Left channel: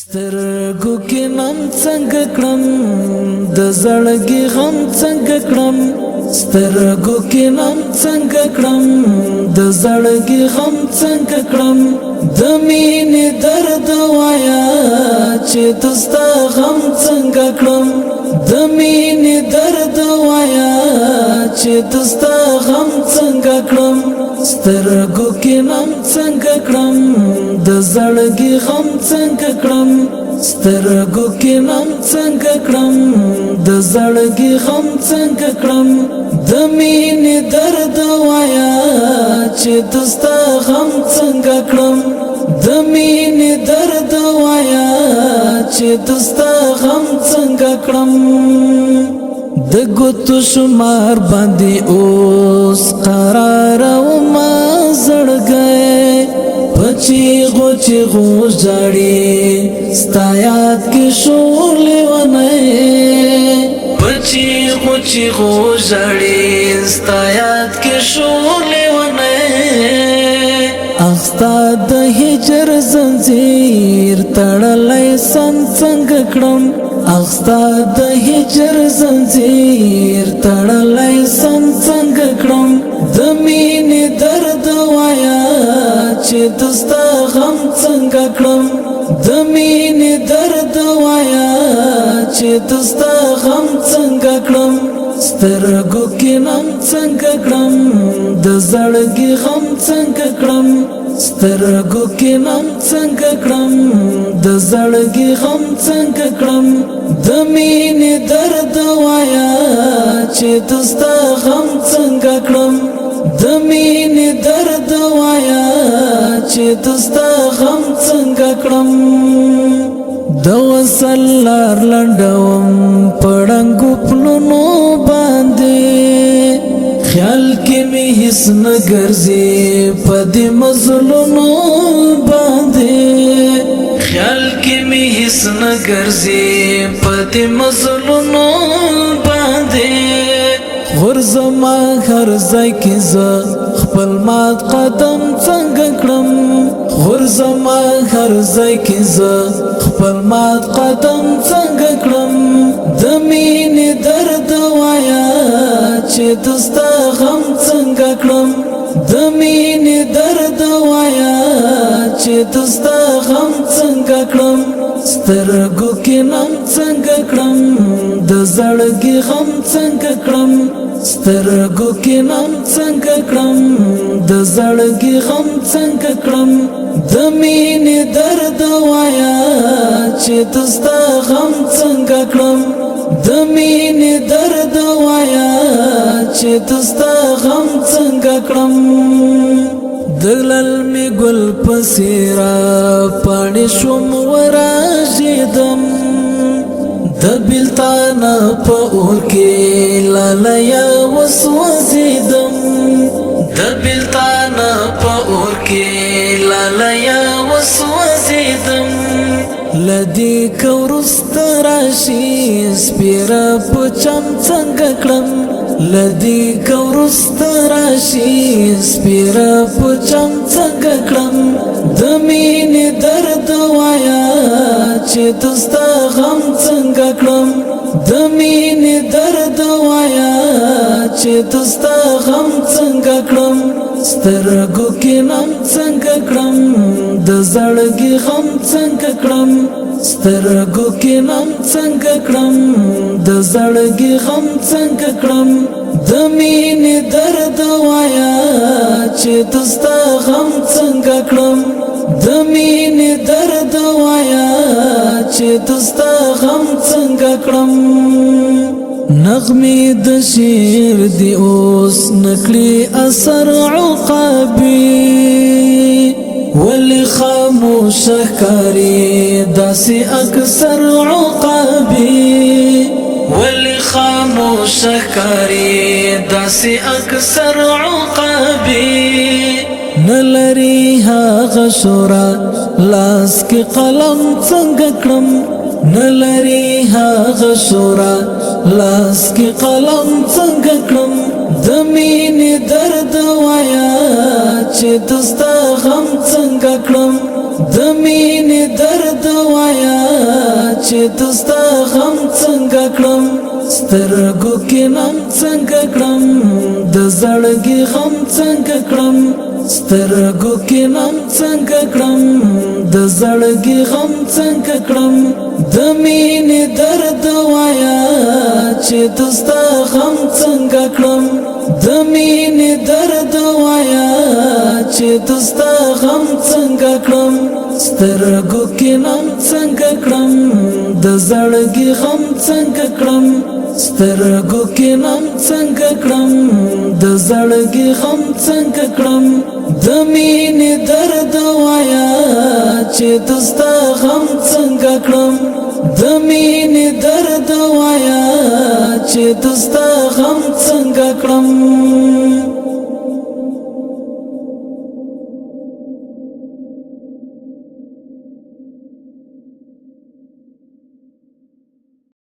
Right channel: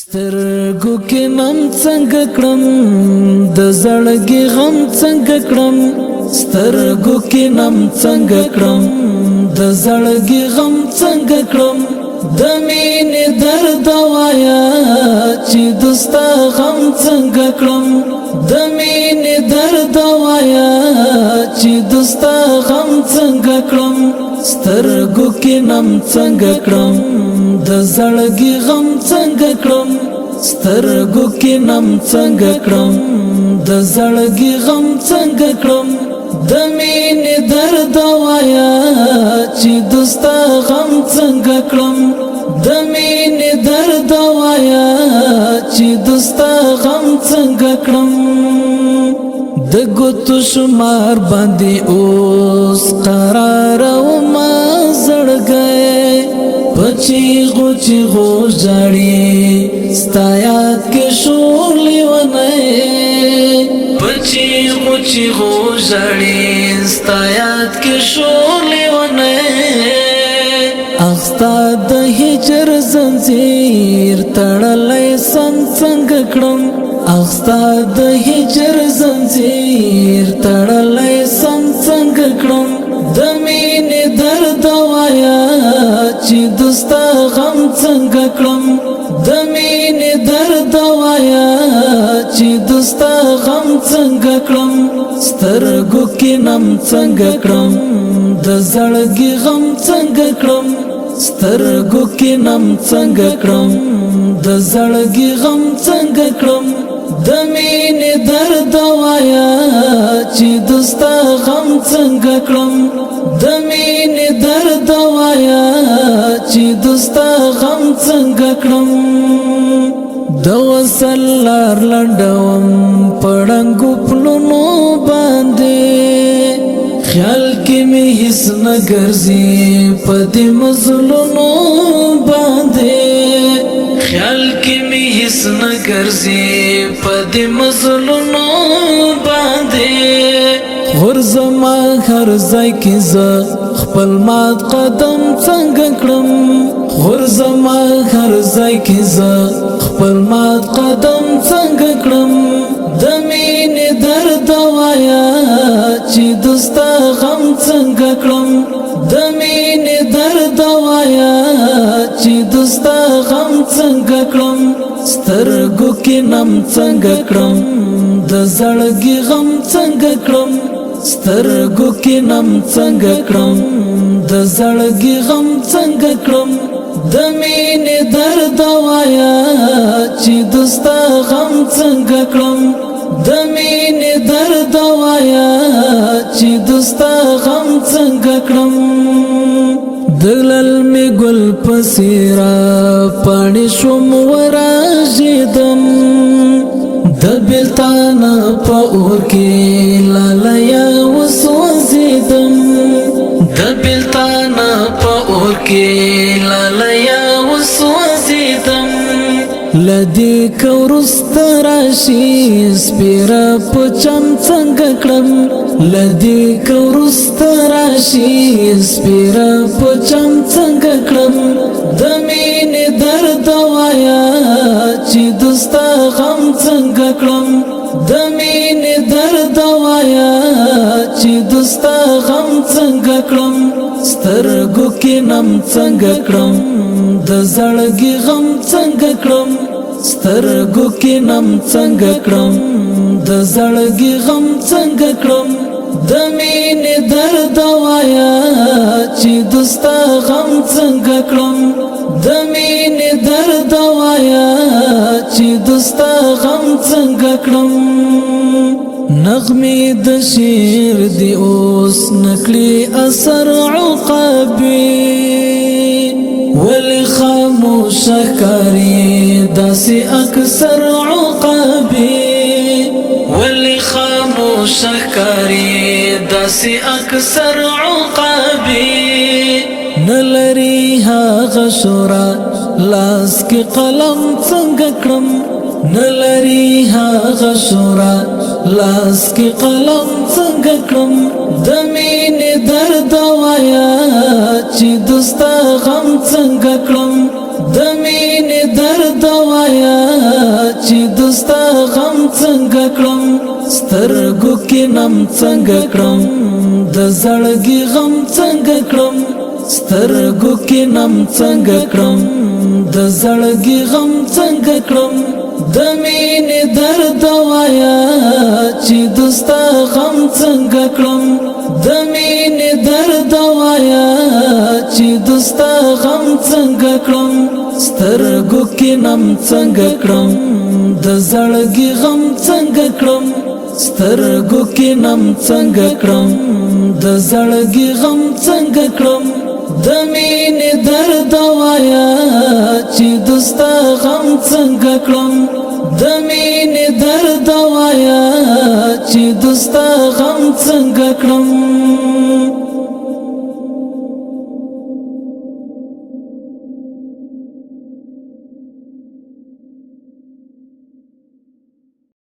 سترګو کې نم څنګه کړم د زړګي غم څنګه کړم سترګو کې نم څنګه کړم د زړګي غم څنګه کړم د مینې درد وایا چې دستا غم څنګه کړم د مینې درد وایا چې دستا غم څنګه کړم سترګو کې نم څنګه کړم د زړګي غم څنګه کړم سترګو کې نم څنګه کړم د زړګي غم څنګه کړم د مینې درد وایا چې دستا غم څنګه کړم د مینې درد وایا چې دستا غم څنګه کړم د ګوتو شمار باندې اوس قرار او ما زړګې پچی غو جاړي ستایات کې شولې ونه پچی غو جاړي ستایات کې شولې ونه اخستا د هجر زنجیر تړلې سم څنګه کړم اخستا د هجر زنجیر تړلې سم څنګه کړم د مینې درد وایا چې دستا غم څنګه کړم د مینې درد وایا چې دستا غم څنګه کړم سترګو کې نم څنګه کړم د زړګي غم څنګه کړم سترګو کې نم څنګه کړم د زړګي غم څنګه کړم د مینې درد وایا چې دستا غم څنګه کړم د مینې درد وایا چې دستا غم څنګه کړم د وصل لار لنډوم پړنګو پلونو باندې خیال کې مې هیڅ نه ګرځي په دې مزلونو باندې خیال کې مې هیڅ نه ګرځي په دې مزلونو باندې غرزما هر ځای کې زه خپل مات قدم څنګه کړم غرزما هر ځای کې زه خپل مات قدم څنګه کړم د مینې درد وایا چې دستا غم څنګه کړم د مینې درد وایا چې دستا غم څنګه کړم سترګو کې نم څنګه کړم د زړګي غم څنګه کړم سترګو کې نم څنګه کړم د زړګي غم څنګه کړم د مینې درد وایا چې دستا غم څنګه کړم د مینې درد وایا چې دستا غم څنګه کړم دلل می ګل پسیرا پانی شوم وراجدم د بلتان په اور کې لالیا وسوځیدم د بلتان په اور کې لالیا وسوځیدم لدی کورست راشي سپیرا پچم څنګه کړم لدی کورست راشي سپیرا پچم څنګه کړم د مینې درد وایا چې دستا غم څنګه کړم د مینې درد وایا چې دستا غم څنګه کړم سترګو کې نم څنګه کړم د زړګي غم څنګه کړم سترګو کې نم څنګه کړم د زړګي غم څنګه کړم د مینې درد وایا چې دستا غم څنګه کړم د مینې درد وایا چې دستا غم څنګه کړم نغمې د شعر دی اوس نکړي اثر عقابي ولی خاموش ښکاري داسې اکثر عقابي ولی خاموش ښکاري داسې اکثر عقابي نلري هغه شورا لاس کې قلم څنګه کړم نلري هغه شورا لاس کې قلم څنګه کړم د مینې درد وایا چې دستا غم څنګه کړم د مینې درد وایا چې دستا غم څنګه کړم سترګو کې نم څنګه کړم د زړګي غم څنګه کړم سترګو کې نم څنګه کړم د زړګي غم څنګه کړم د مینې درد وایا چې دستا غم څنګه کړم د مینې درد وایا چې دستا غم څنګه کړم سترګو کې نم څنګه کړم د زړګي غم څنګه کړم سترګو کې نم څنګه کړم د زړګي غم څنګه کړم د مینې درد وایا چې دستا غم څنګه کړم د مینې درد وایا چې دستا غم څنګه کړم